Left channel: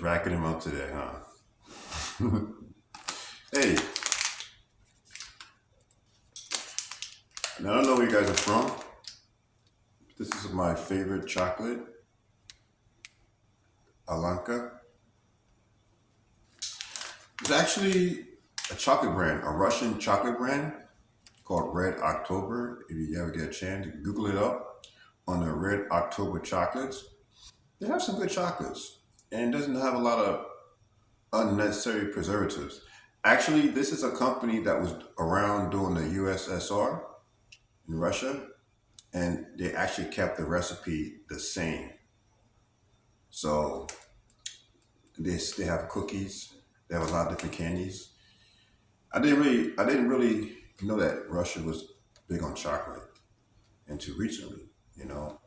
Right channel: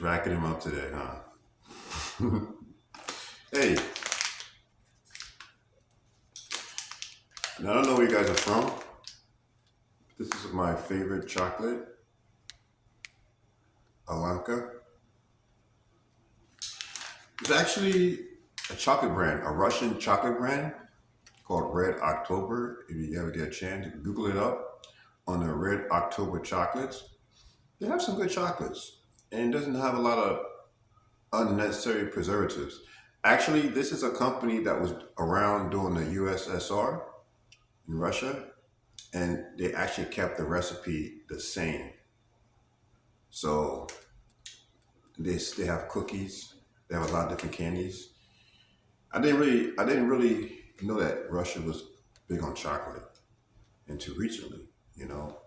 just racking him up today, huh? Hey, now I don't know where you guys are from. This is my favorite chocolate, Alanka. It's actually a chocolate brand, a Russian chocolate brand called Red October. If you ever get a chance, you can Google it up on the Red October chocolates. They have some good chocolates, and it doesn't have a lot of unnecessary preservatives. Actually, this is a company that was around during the USSR in Russia, and they actually kept the recipe the same. So they have cookies. They have a lot of different candies. I didn't really know that Russia was big on chocolate until recently. You know,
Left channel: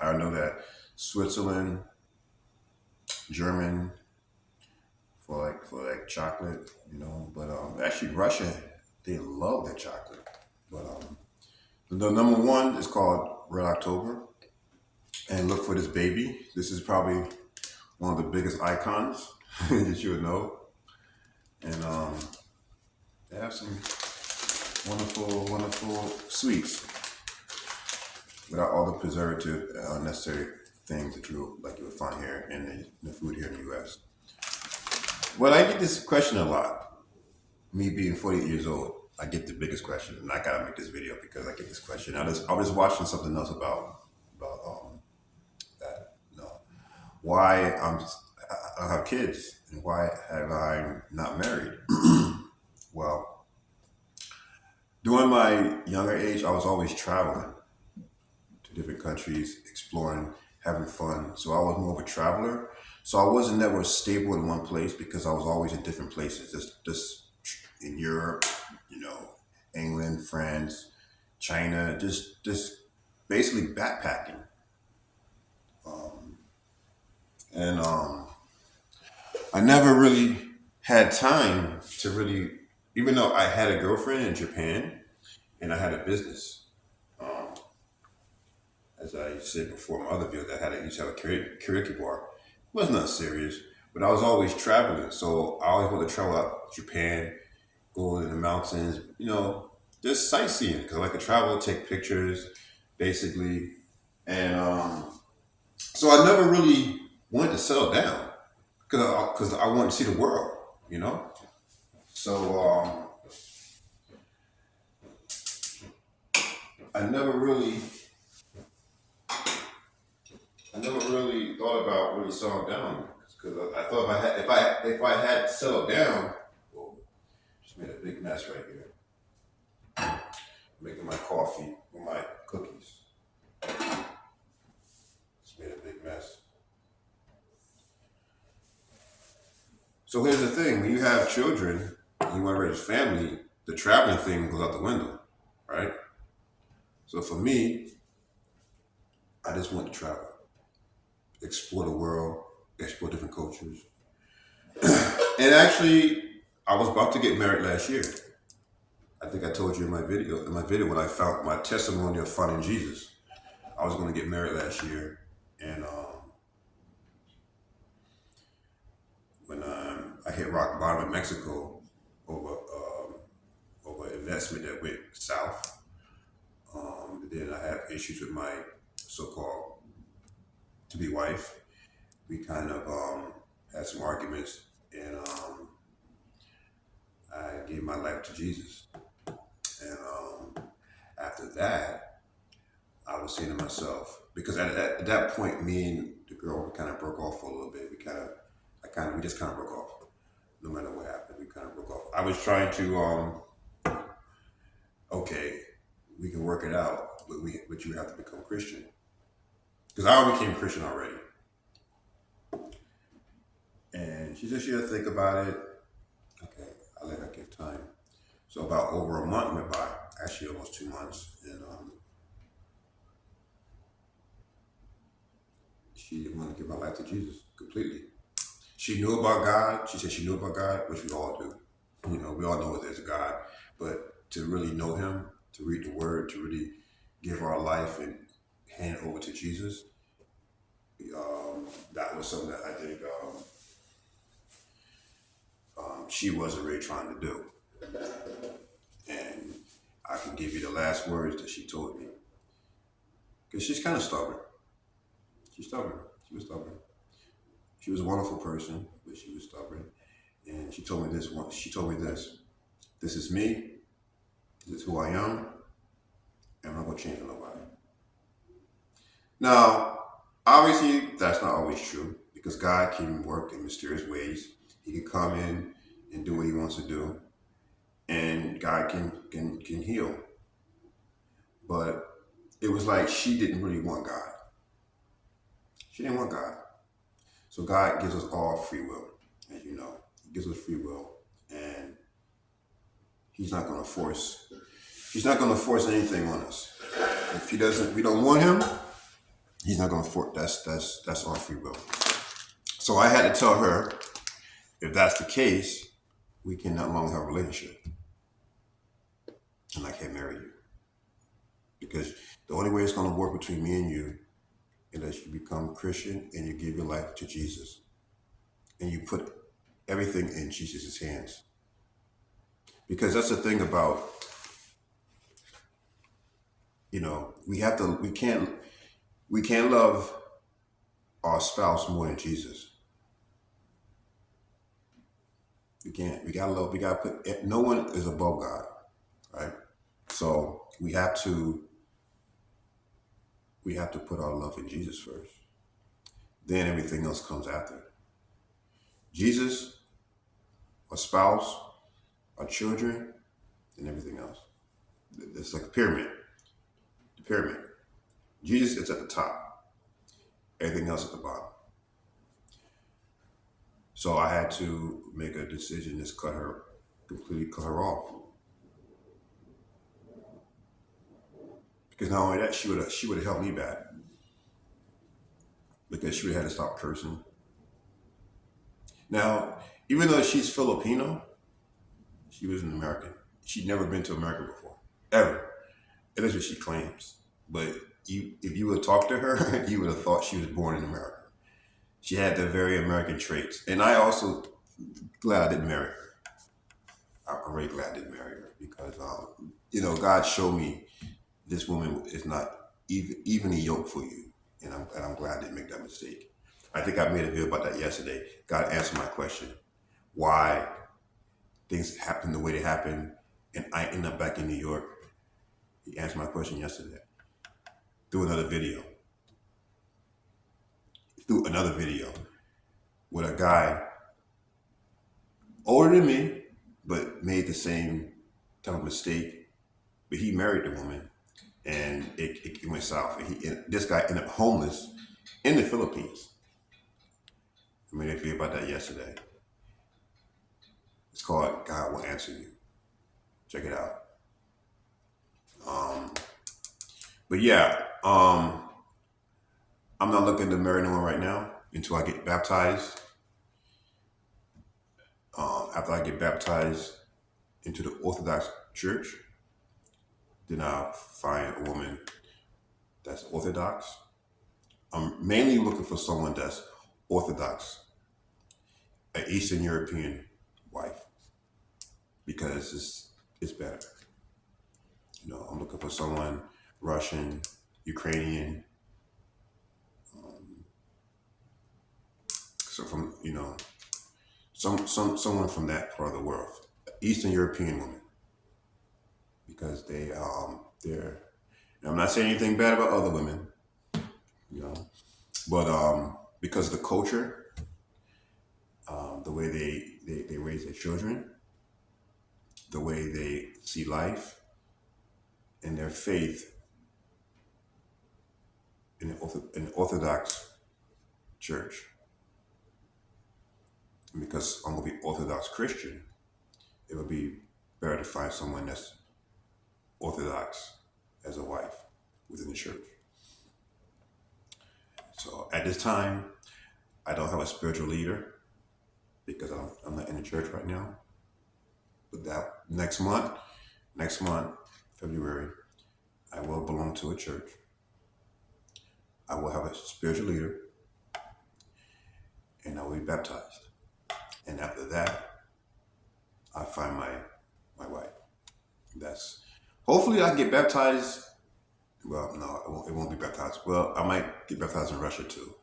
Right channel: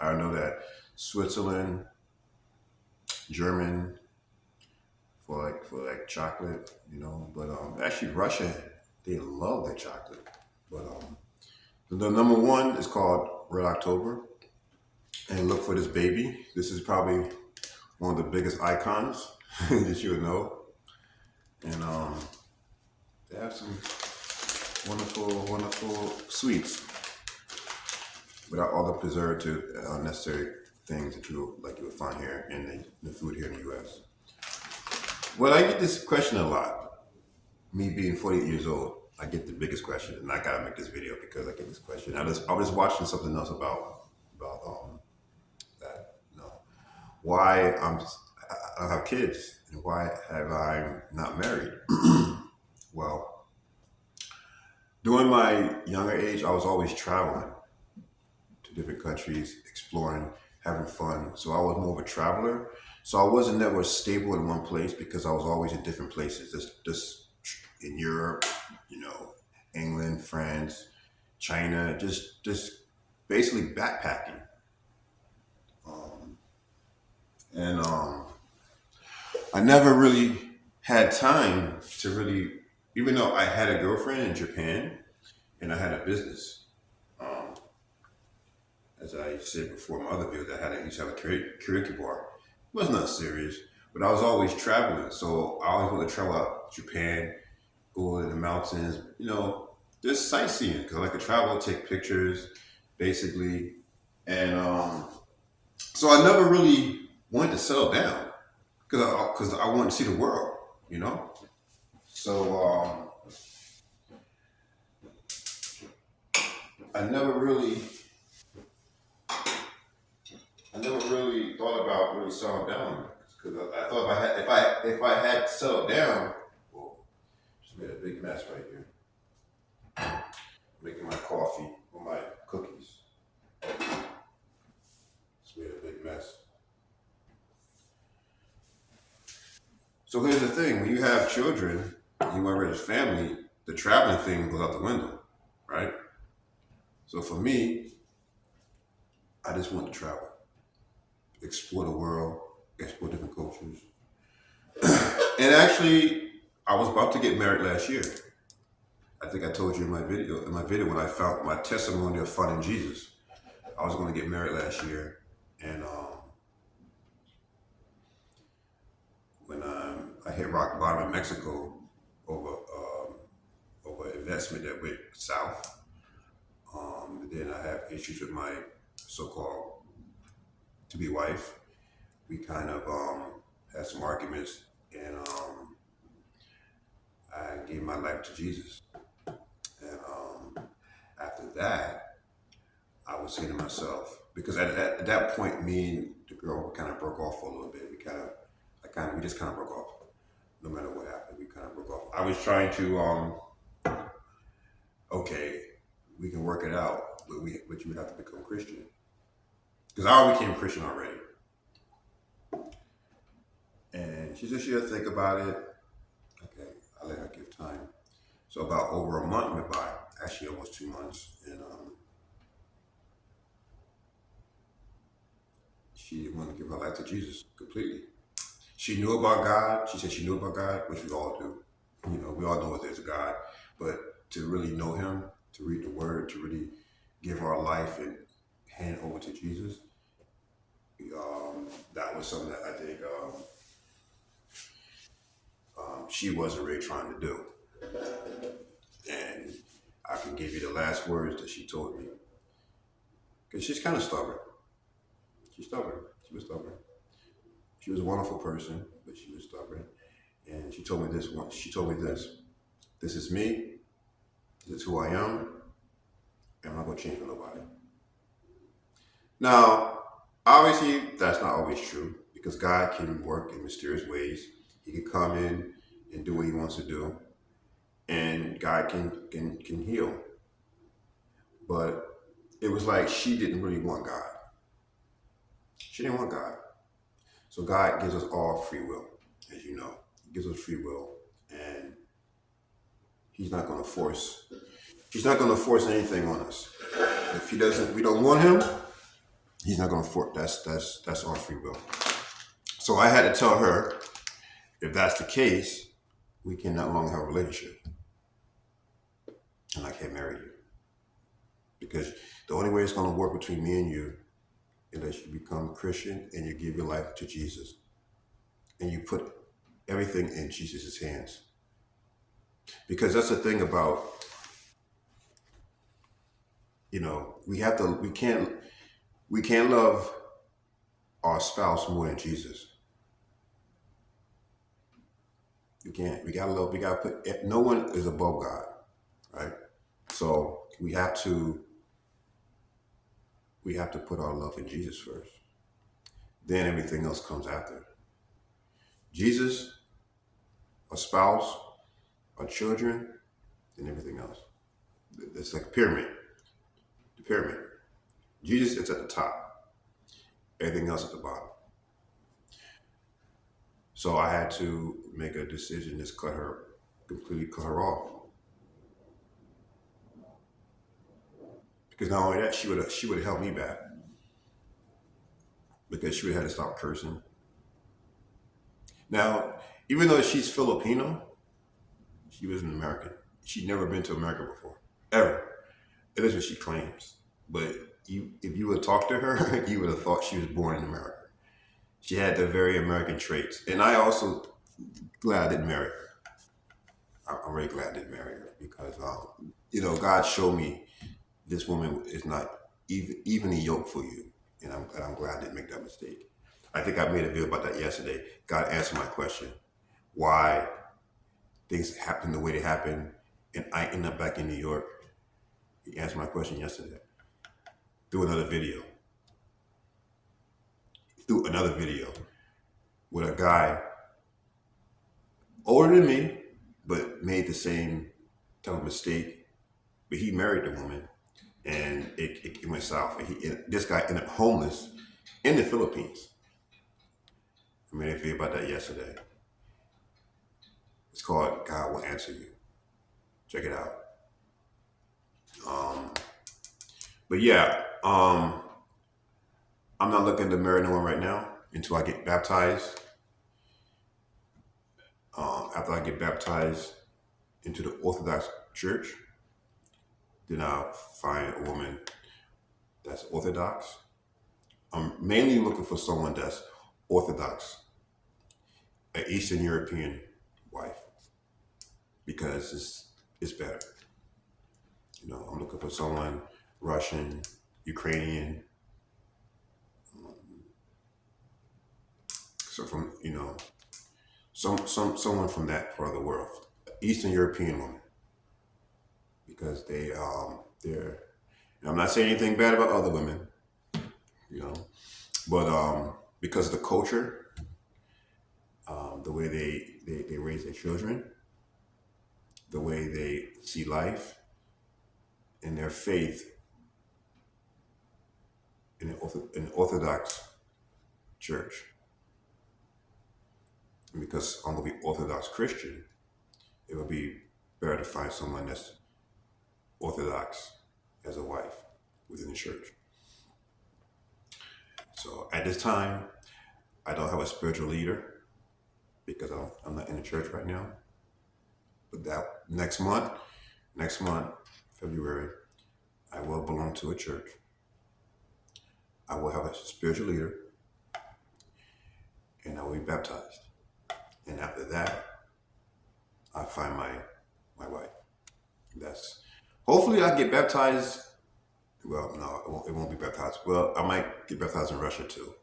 I know that Switzerland, German for like chocolate. But actually Russia, they love their chocolate. But the number one is called Red October, and look for this baby. This is probably one of the biggest icons that you would know. And they have some wonderful, wonderful sweets without all the preservative, unnecessary things that you would find here in the food here in the U.S. Well, I get this question a lot. Me being 48 years old, I get the biggest question, and I gotta make this video because I get this question. I was watching something else about that. Why I have kids and why have I not married? Well, during my younger age, I was always traveling to different countries, exploring, having fun. So I was more of a traveler. So I wasn't never stable in one place because I was always in different places. Just in Europe, you know, England, France, China, just basically backpacking. And I never really had time to really, even though I had a girlfriend in Japan and I had a business. Um, as I said before, in my other videos, I used to have a karaoke bar. It was not serious, but I was always traveling. So I always wanted to travel out Japan, go in the mountains, just sightseeing because I like to travel, take pictures, basically. And so I never really wanted to settle down because I wanted to see the world, you know. So I never really, I never really thought about really settling down because I thought if I had settled down, well, just made a big mess right here, making my coffee with my cookies. Just made a big mess. So here's the thing: when you have children, you want to raise a family, the traveling thing goes out the window, right? So for me, I just want to travel, explore the world, explore different cultures. And actually, I was about to get married last year. I think I told you in my video when I found my testimony of finding Jesus. I was going to get married last year, and when I hit rock bottom in Mexico over investment that went south, then I had issues with my so-called to-be wife. We kind of had some arguments, and I gave my life to Jesus. And after that, I was saying to myself, because at that point, me and the girl kind of broke off for a little bit. We just kind of broke off. No matter what happened, we kind of broke off. I was trying to, okay, we can work it out, but you have to become Christian. Because I already became Christian already. And she said she'll think about it. Okay, I let her give time. So about over a month went by, actually almost 2 months, and she didn't want to give her life to Jesus completely. She knew about God. She said she knew about God, which we all do. We all know there's a God, but to really know Him, to read the Word, to really give our life and hand over to Jesus, that was something that I think. she wasn't really trying to do. And I can give you the last words that she told me. Because she's kind of stubborn. She's stubborn. She was stubborn. She was a wonderful person, but she was stubborn. And she told me this once. She told me this. This is me. This is who I am. And I'm not going to change for nobody. Now, obviously, that's not always true because God can work in mysterious ways. He can come in and do what he wants to do. And God can heal. But it was like she didn't really want God. She didn't want God. So God gives us all free will, as you know. He gives us free will. And he's not going to force anything on us. If we don't want him, he's not going to force. That's our free will. So I had to tell her, if that's the case, we can no longer have a relationship. And I can't marry you. Because the only way it's going to work between me and you is that you become a Christian and you give your life to Jesus. And you put everything in Jesus' hands. Because that's the thing about, we can't love our spouse more than Jesus. We can't. We gotta put, no one is above God, right? So we have to put our love in Jesus first. Then everything else comes after. Jesus, our spouse, our children, and everything else. It's like a pyramid. The pyramid. Jesus is at the top. Everything else at the bottom. So I had to make a decision, just completely cut her off. Because not only that, she would have held me back. Because she would have had to stop cursing. Now, even though she's Filipino, she was an American. She'd never been to America before, ever. That is what she claims. But if you would have talked to her, you would have thought she was born in America. She had the very American traits. And I also glad I didn't marry her. I'm really glad I didn't marry her because, God showed me this woman is not even a yoke for you. And I'm glad I didn't make that mistake. I think I made a video about that yesterday. God answered my question. Why things happen the way they happen and I end up back in New York. He answered my question yesterday. Through another video with a guy older than me, but made the same type of mistake. But he married the woman, and it went south. And this guy ended up homeless in the Philippines. I made a video about that yesterday. It's called God Will Answer You. Check it out. But yeah, I'm not looking to marry no one right now until I get baptized. After I get baptized into the Orthodox Church, then I'll find a woman that's Orthodox. I'm mainly looking for someone that's Orthodox, an Eastern European wife, because it's better. I'm looking for someone Russian, Ukrainian, so from someone from that part of the world, Eastern European woman, because they're. I'm not saying anything bad about other women, but because of the culture, the way they raise their children, the way they see life, and their faith in the Orthodox Church. And because I'm going to be Orthodox Christian, it would be better to find someone that's Orthodox as a wife within the church. So at this time, I don't have a spiritual leader because I'm not in the church right now. But that next month, February, I will belong to a church. I will have a spiritual leader, and I will be baptized. And after that, I find my wife. That's hopefully I get baptized. Well, no, it won't be baptized. Well, I might get baptized in Russia too,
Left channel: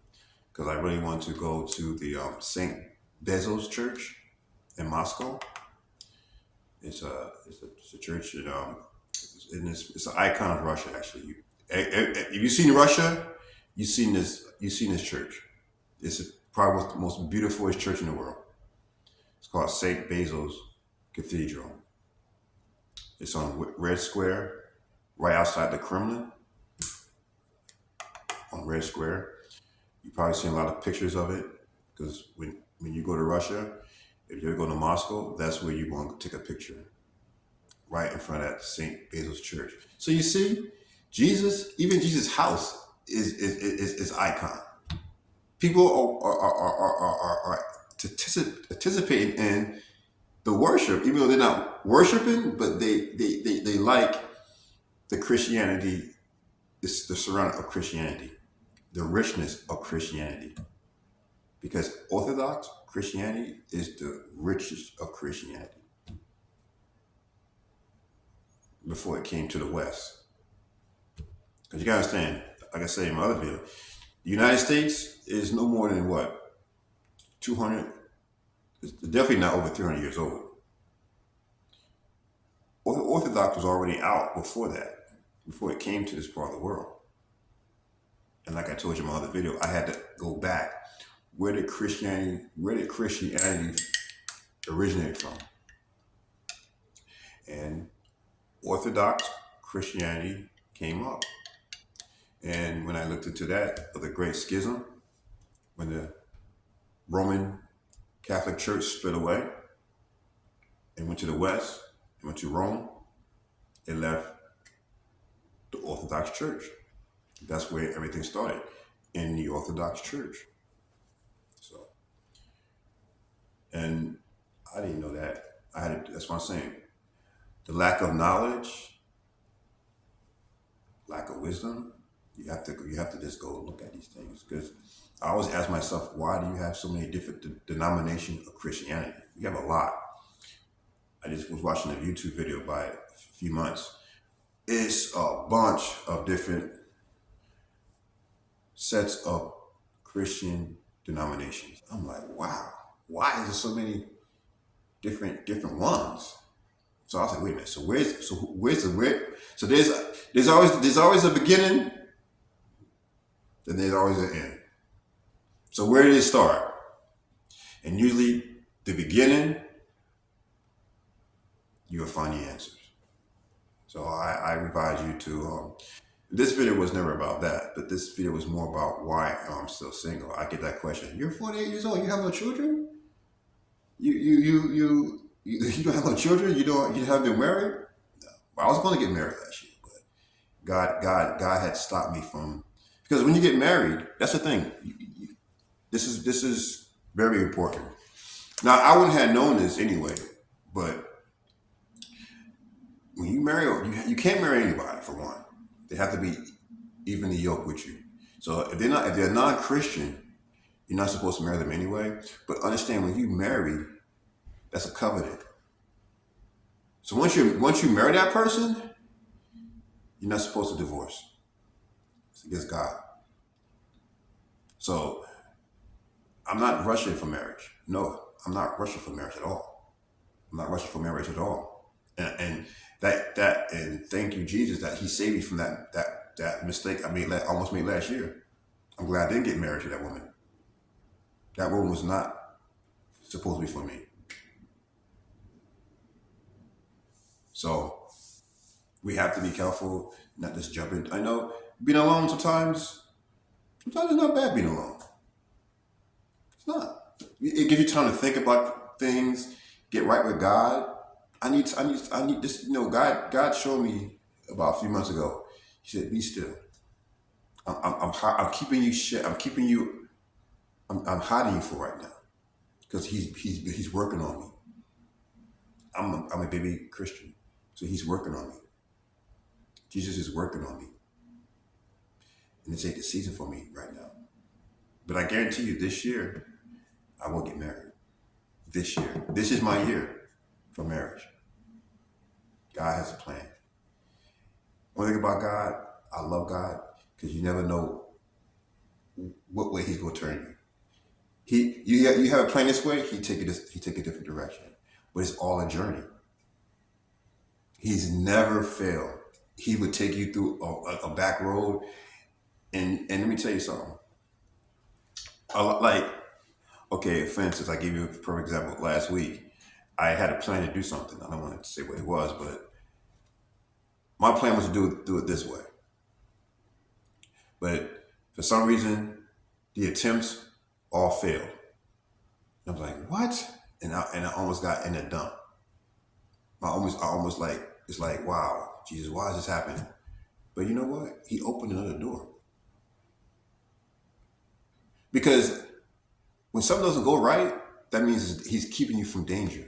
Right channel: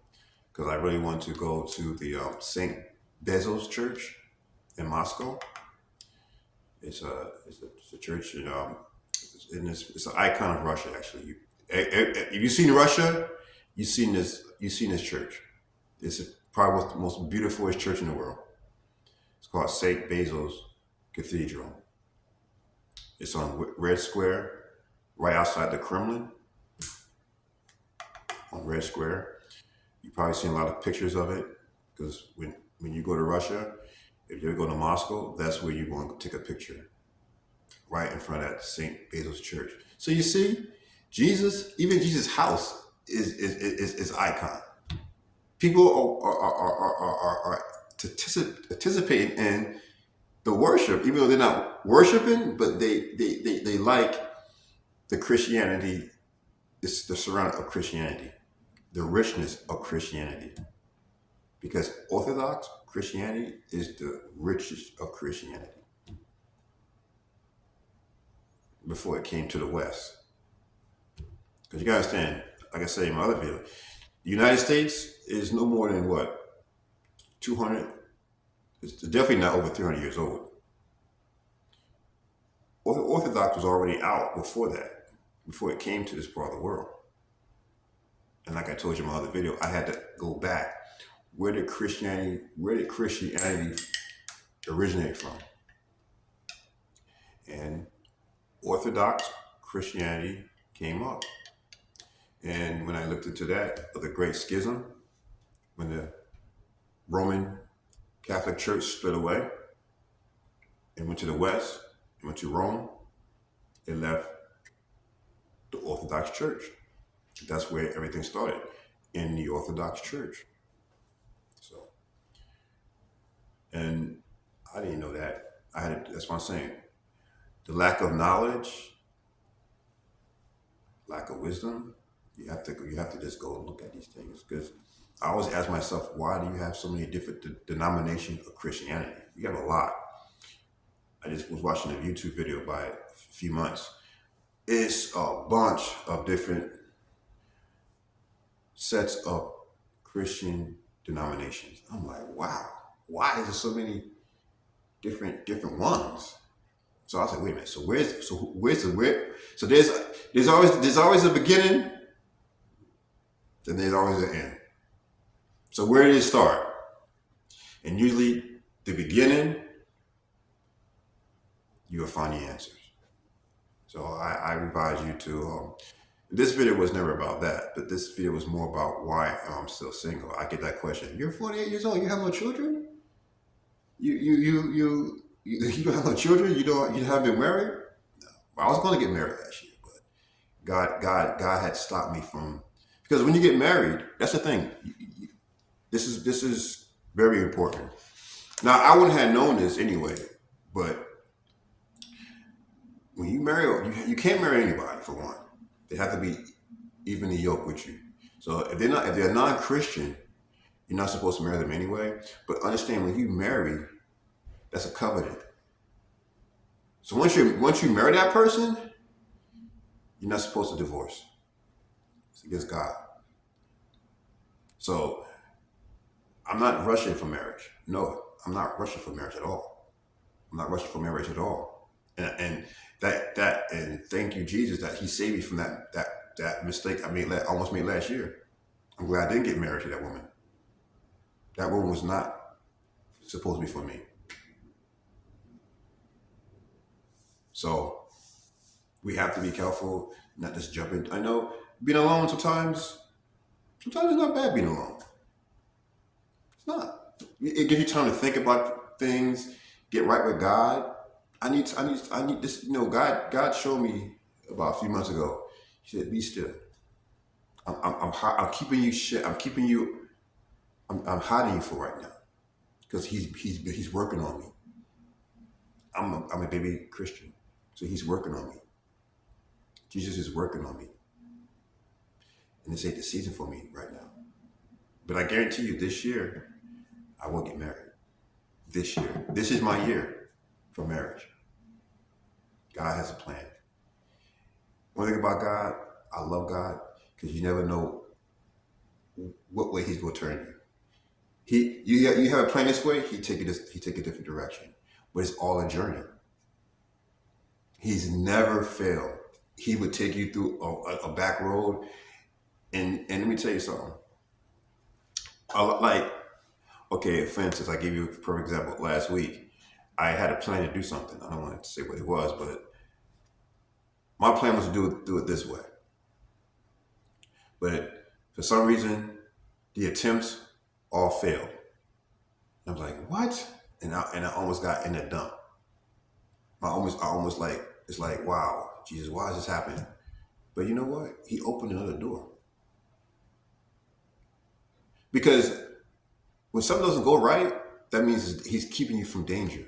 because I really want to go to the Saint Basil's Church in Moscow. It's a church, and it's an icon of Russia. Actually, if you've seen Russia, you've seen this church. It's probably the most beautiful church in the world. It's called Saint Basil's Cathedral. It's on Red Square, right outside the Kremlin, on Red Square. You probably seen a lot of pictures of it because when you go to Russia, if you go to Moscow, that's where you're going to take a picture, right in front of that Saint Basil's Church. So you see, even Jesus' house is icon. People are anticipating in the worship, even though they're not worshiping, but they like the Christianity, it's the surrounding of Christianity, the richness of Christianity. Because Orthodox Christianity is the richest of Christianity before it came to the West. Because you gotta understand, like I said in my other video, the United States is no more than what, 200, it's definitely not over 300 years old. Orthodox was already out before that, before it came to this part of the world. And like I told you in my other video, I had to go back. Where did Christianity originate from? And Orthodox Christianity came up. And when I looked into that, of the Great Schism, when the Roman Catholic Church split away and went to the West, and went to Rome, it left the Orthodox Church. That's where everything started, in the Orthodox Church. So, and I didn't know that. That's what I'm saying. The lack of knowledge, lack of wisdom, you have to just go look at these things. Because I always ask myself, why do you have so many different denominations of Christianity? You have a lot. I just was watching a YouTube video by a few months. It's a bunch of different sets of Christian denominations. I'm like, wow, why is there so many different ones? So I was like, wait a minute. So where's the where? So there's always a beginning, and there's always an end. So where did it start? And usually the beginning, you will find the answers. So I advise you to. This video was never about that, but this video was more about why I'm still single. I get that question. You're 48 years old. You have no children. You don't have no children. You haven't been married. No. Well, I was going to get married last year, but God had stopped me from, because when you get married, that's the thing. This is very important. Now I wouldn't have known this anyway, but when you marry, you can't marry anybody for one. They have to be evenly yoked with you. So if they're non-Christian, you're not supposed to marry them anyway. But understand, when you marry, that's a covenant. So once you marry that person, you're not supposed to divorce. It's against God. So I'm not rushing for marriage. No, I'm not rushing for marriage at all. I'm not rushing for marriage at all. And thank you, Jesus, that He saved me from that mistake I almost made last year. I'm glad I didn't get married to that woman. That woman was not supposed to be for me. So we have to be careful, not just jump in. I know being alone sometimes it's not bad being alone. It's not. It gives you time to think about things, get right with God. I need this. God showed me about a few months ago. He said, "Be still. I'm keeping you shit. I'm hiding you for right now, because he's working on me. I'm a baby Christian, so He's working on me. Jesus is working on me, and this ain't the season for me right now. But I guarantee you, this year I will get married. This year, this is my year. for marriage. God has a plan. One thing about God, I love God because you never know what way He's going to turn you. You have a plan this way, he take a different direction, but it's all a journey. He's never failed. He would take you through a back road, and let me tell you something. Like, okay, for instance, I gave you a perfect example. Last week, I had a plan to do something. I don't want to say what it was, but my plan was to do it this way. But for some reason, the attempts all failed. I was like, what? And I almost got in the dump. I almost like, it's like, wow, Jesus, why is this happening? But you know what? He opened another door. Because when something doesn't go right, that means he's keeping you from danger.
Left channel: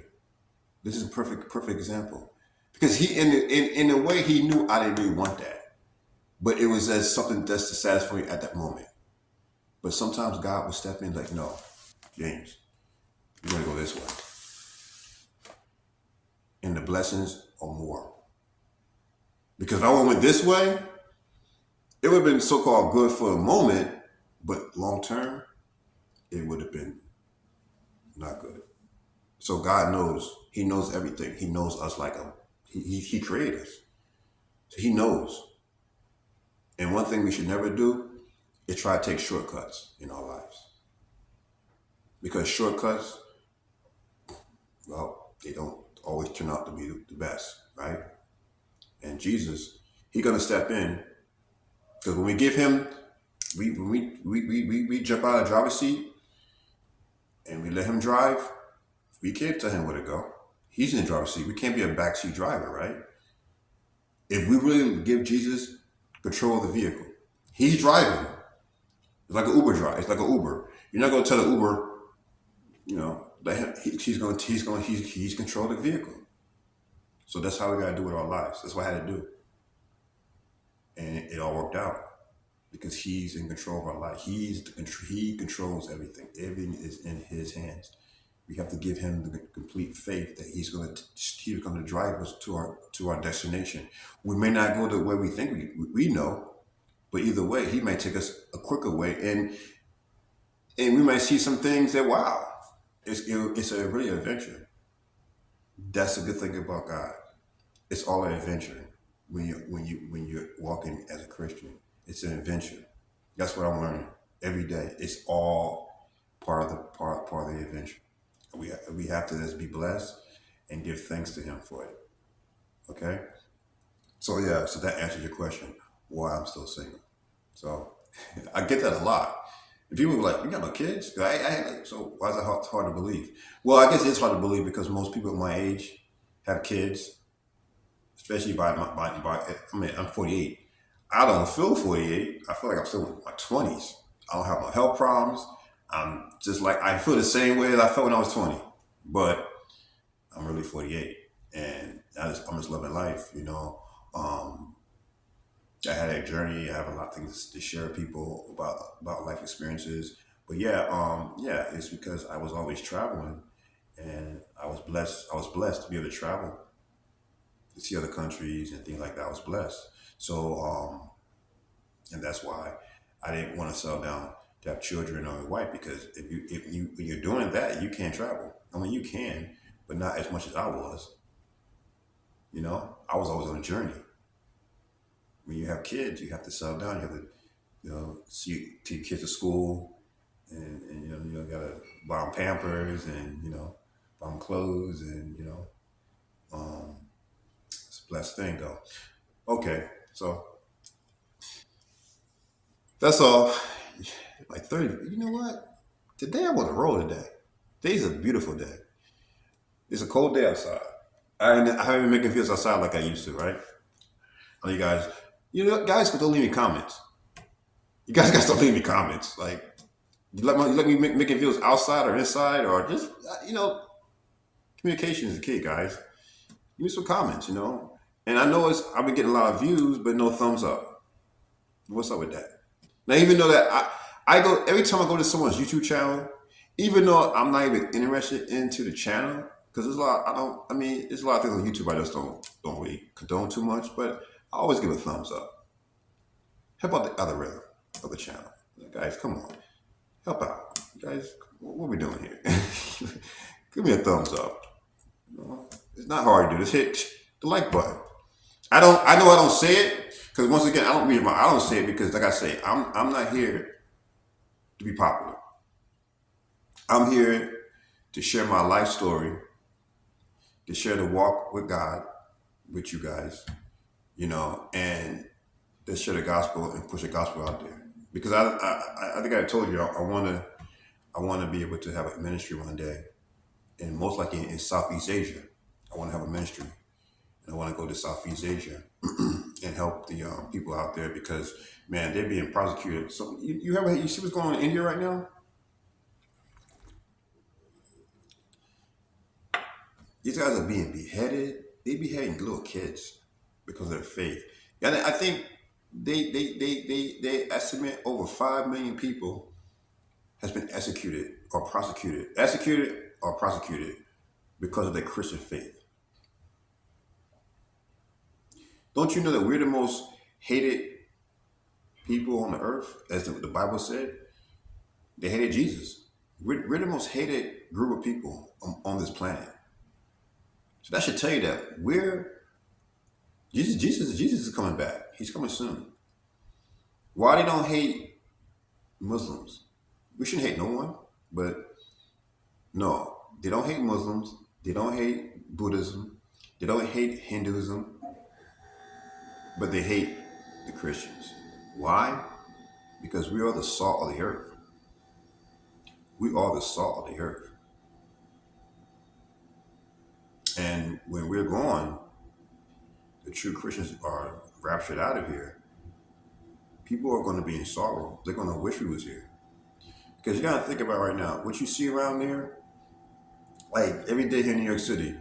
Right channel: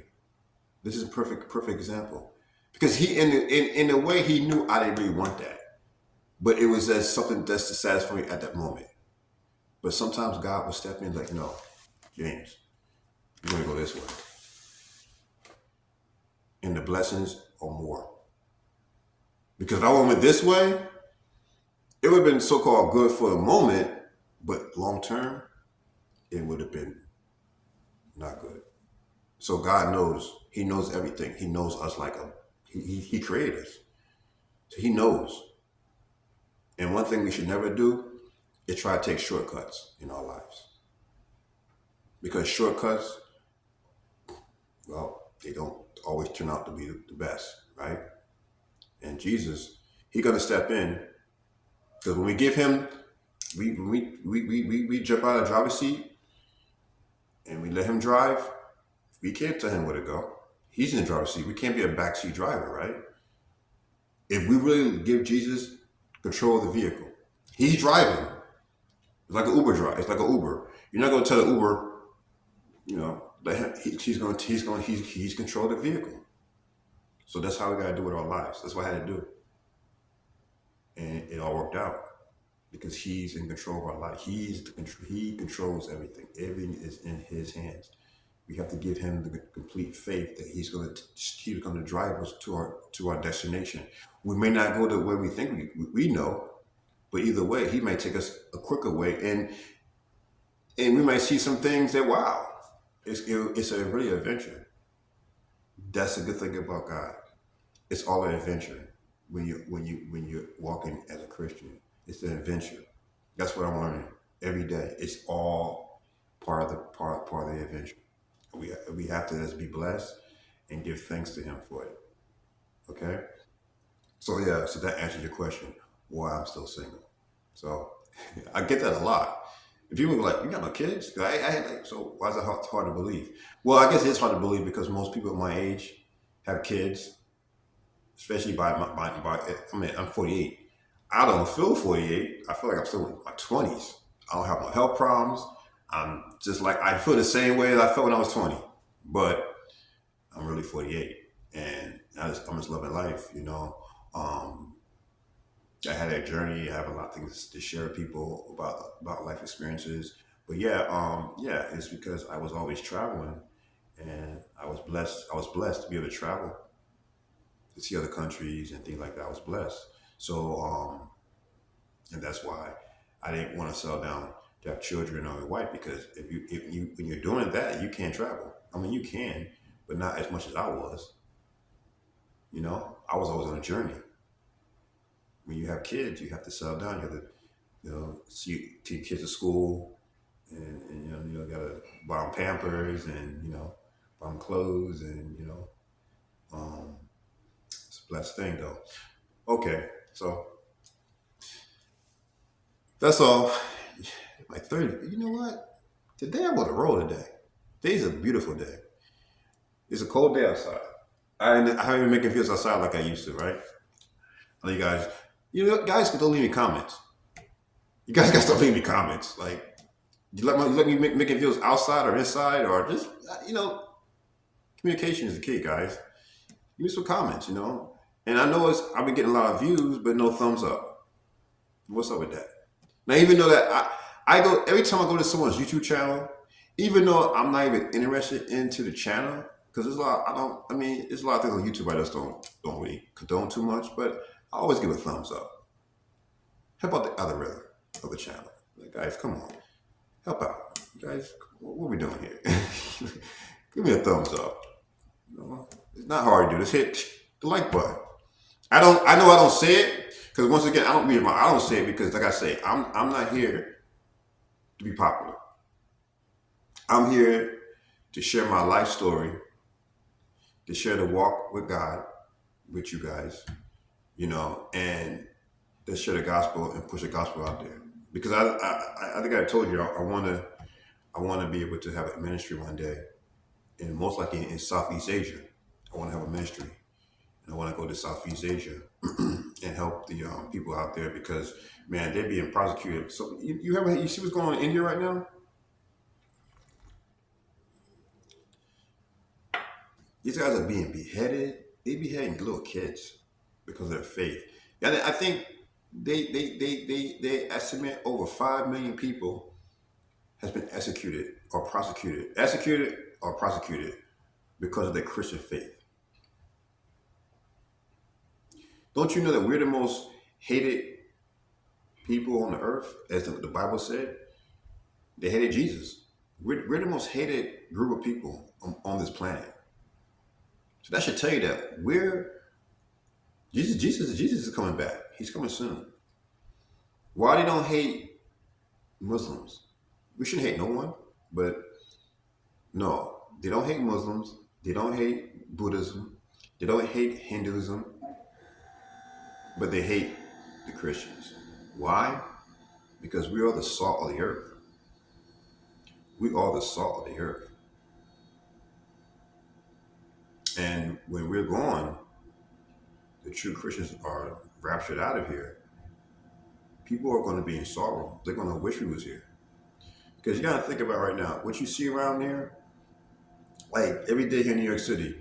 This is a perfect example. Because he, in a way, he knew I didn't really want that. But it was as something that's to satisfy me at that moment. But sometimes God would step in like, no, James, you're going to go this way. And the blessings are more. Because if I went this way, it would have been so-called good for the moment, but long term, it would have been not good. So God knows. He knows everything. He knows us like he created us. So he knows. And one thing we should never do is try to take shortcuts in our lives. Because shortcuts, well, they don't always turn out to be the best, right? And Jesus, He's gonna step in, because when we give Him, we jump out of the driver's seat and we let Him drive. We can't tell Him where to go. He's in the driver's seat. We can't be a backseat driver, right? If we really give Jesus control of the vehicle, He's driving. It's like an Uber drive. It's like an Uber. You're not gonna tell the Uber, let him. He's control the vehicle. So that's how we gotta do with our lives. That's what I had to do, and it all worked out because He's in control of our life. He controls everything. Everything is in His hands. We have to give Him the complete faith that He's going to drive us to our destination. We may not go the way we think we know, but either way, He might take us a quicker way, and we might see some things that, wow, it's a really adventure. That's a good thing about God. It's all an adventure when you're walking as a Christian. It's an adventure. That's what I'm learning every day. It's all part of the adventure. We have to just be blessed and give thanks to Him for it. Okay? So yeah, so that answers your question, why I'm still single. So I get that a lot. And people are like, you got no kids? So why is it hard to believe? Well, I guess it's hard to believe because most people my age have kids, especially I'm 48. I don't feel 48. I feel like I'm still in my 20s. I don't have no health problems. I'm just like, I feel the same way that I felt when I was 20, but I'm really 48, and I'm just loving life, I had a journey. I have a lot of things to share with people about life experiences, but it's because I was always traveling, and I was blessed to be able to travel, to see other countries and things like that. I was blessed. So, and that's why I didn't want to settle down to have children or a wife, because when you're doing that, you can't travel. I mean, you can, but not as much as I was. I was always on a journey. When you have kids, you have to settle down. You have to, take kids to school, and you gotta buy them Pampers, and buy them clothes, and it's a blessed thing though. Okay, so that's all. Like 30. You know what? Today I'm on the road today. Today's a beautiful day. It's a cold day outside. I haven't been making videos outside like I used to, right? All you guys, guys don't leave me comments. You guys got to start leaving me comments. Like, you let me making videos outside or inside, or just, communication is the key, guys. Give me some comments, And I know I've been getting a lot of views, but no thumbs up. What's up with that? Now, even though that I go, every time I go to someone's YouTube channel, even though I'm not even interested into the channel, because there's a lot. I don't. I mean, there's a lot of things on YouTube I just don't really condone too much. But I always give a thumbs up. Help out the other rhythm of the channel, guys. Come on, help out, guys. What are we doing here? Give me a thumbs up. You know, it's not hard to do. Just hit the like button. I don't. I know I don't say it because once again, I don't say it because, like I say, I'm not here to be popular. I'm here to share my life story, to share the walk with God with you guys, and to share the gospel and push the gospel out there. Because I think I told you I want to be able to have a ministry one day, and most likely in Southeast Asia. I want to have a ministry, and I want to go to Southeast Asia and help the people out there because man, they're being prosecuted. So you see what's going on in India right now? These guys are being beheaded. They beheading little kids because of their faith. And I think they estimate over 5 million people has been executed or prosecuted because of their Christian faith. Don't you know that we're the most hated people on the earth, as the Bible said? They hated Jesus. We're the most hated group of people on this planet. So that should tell you that Jesus is coming back. He's coming soon. Why they don't hate Muslims? We shouldn't hate no one, but no, they don't hate Muslims. They don't hate Buddhism. They don't hate Hinduism, but they hate the Christians. Why? Because we are the salt of the earth. We are the salt of the earth. And when we're gone, the true Christians are raptured out of here. People are going to be in sorrow. They're going to wish we was here. Because you got to think about right now, what you see around here, like every day here in New York City,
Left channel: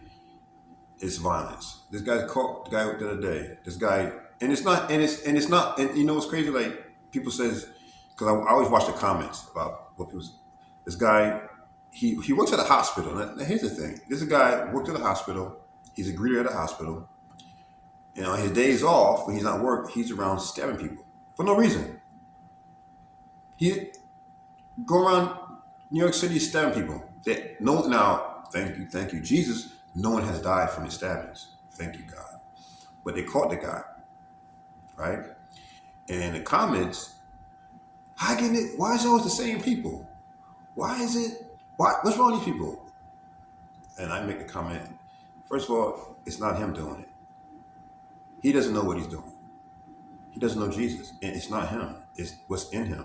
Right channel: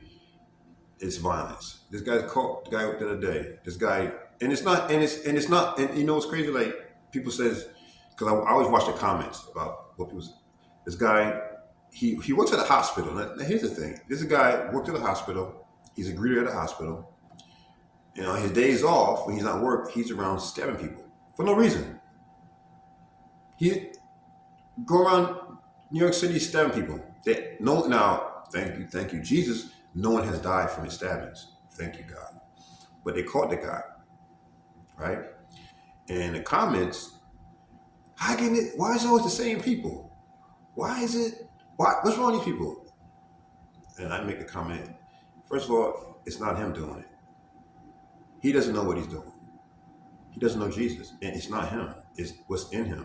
it's violence. This guy caught the guy the other day. This guy, and it's not, and you know what's crazy? Like people says, because I always watch the comments about what people say. This guy, he works at a hospital. Now here's the thing: this guy worked at a hospital. He's a greeter at a hospital. And on his days off, when he's not work, he's around stabbing people for no reason. He go around New York City stabbing people. Now, thank you, Jesus. No one has died from his stabbings. Thank you, God. But they caught the guy, right? And the comments, why is it always the same people? What's wrong with these people? And I make the comment, first of all, it's not him doing it. He doesn't know what he's doing. He doesn't know Jesus. And it's not him. It's what's in him.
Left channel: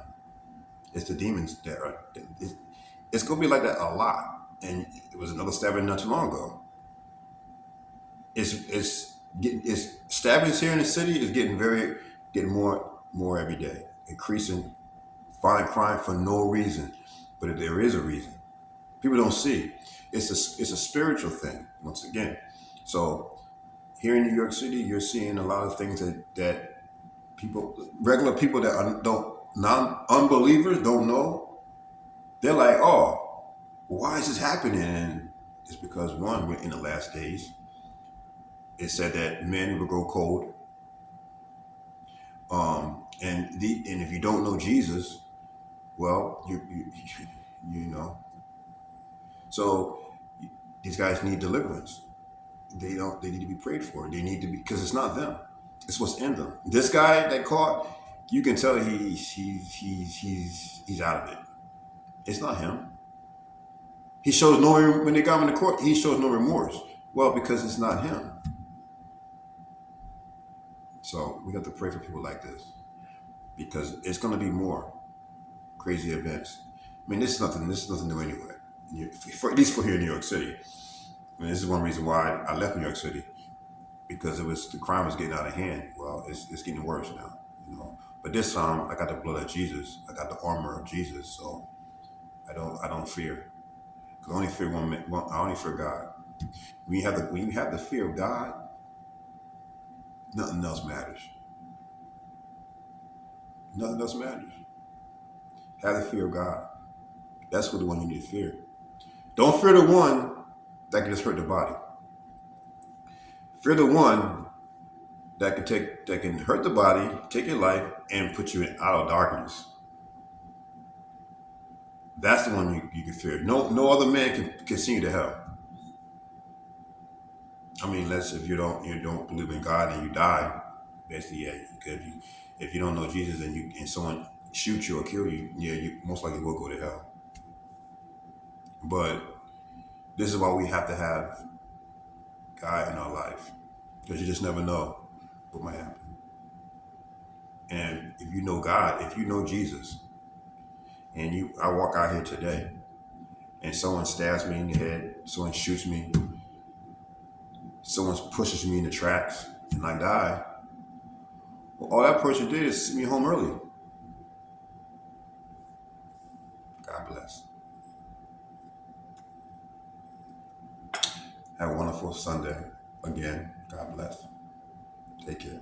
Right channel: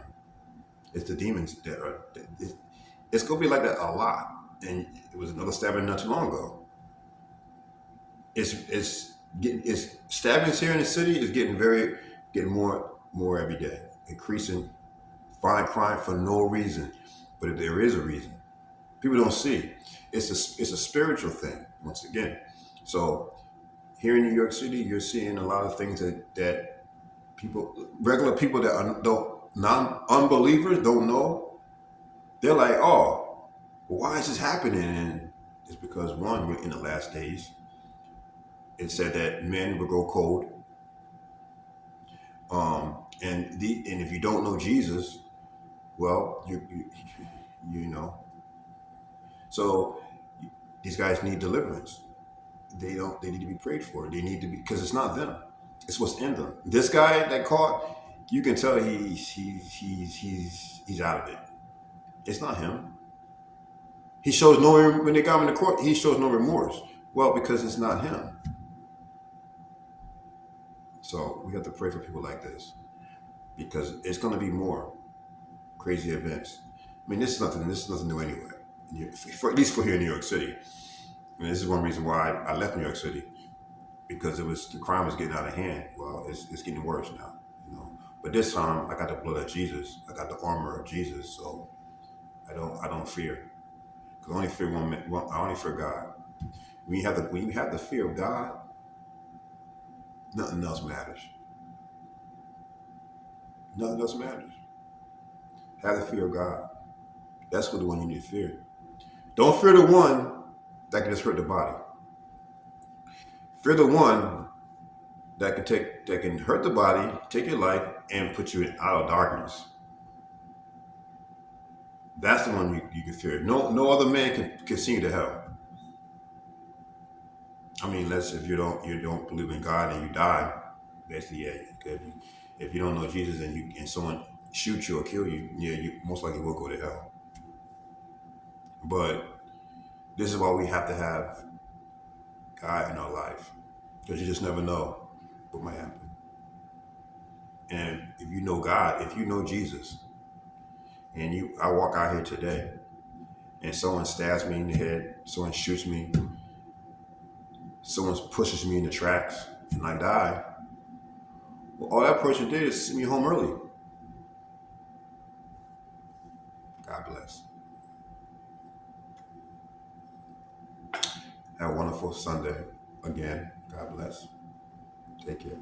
It's the demons that are, it's going to be like that a lot. And it was another stabbing not too long ago. It's stabbings here in the city is getting more every day, increasing violent crime for no reason, but there is a reason. People don't see. It's a spiritual thing once again. So here in New York City, you're seeing a lot of things that regular people that unbelievers don't know. They're like, oh, well, why is this happening? And it's because one, we're in the last days. It said that men will grow cold. And if you don't know Jesus, well, you know. So these guys need deliverance. They need to be prayed for. They need to be, because it's not them. It's what's in them. This guy that caught, you can tell he's out of it. It's not him. He shows when they got him in the court, he shows no remorse. Well, because it's not him. So we have to pray for people like this, because it's going to be more crazy events. I mean, this is nothing new anyway. At least for here in New York City. And this is one reason why I left New York City, because the crime was getting out of hand. Well, it's getting worse now, But this time I got the blood of Jesus. I got the armor of Jesus, so I don't fear. Cause I only fear I only fear God. When you have the fear of God, nothing else matters. Nothing else matters. Have the fear of God. That's what the one you need to fear. Don't fear the one that can just hurt the body. Fear the one that can hurt the body, take your life, and put you out of darkness. That's the one you can fear. No other man can send you to hell. I mean, unless if you don't believe in God and you die, basically, yeah. If you don't know Jesus and someone shoots you or kill you, yeah, you most likely will go to hell. But this is why we have to have God in our life, because you just never know what might happen. And if you know God, if you know Jesus, and I walk out here today, and someone stabs me in the head, someone shoots me, someone pushes me in the tracks, and I die. Well, all that person did is send me home early. God bless. Have a wonderful Sunday. Again, God bless. Take care.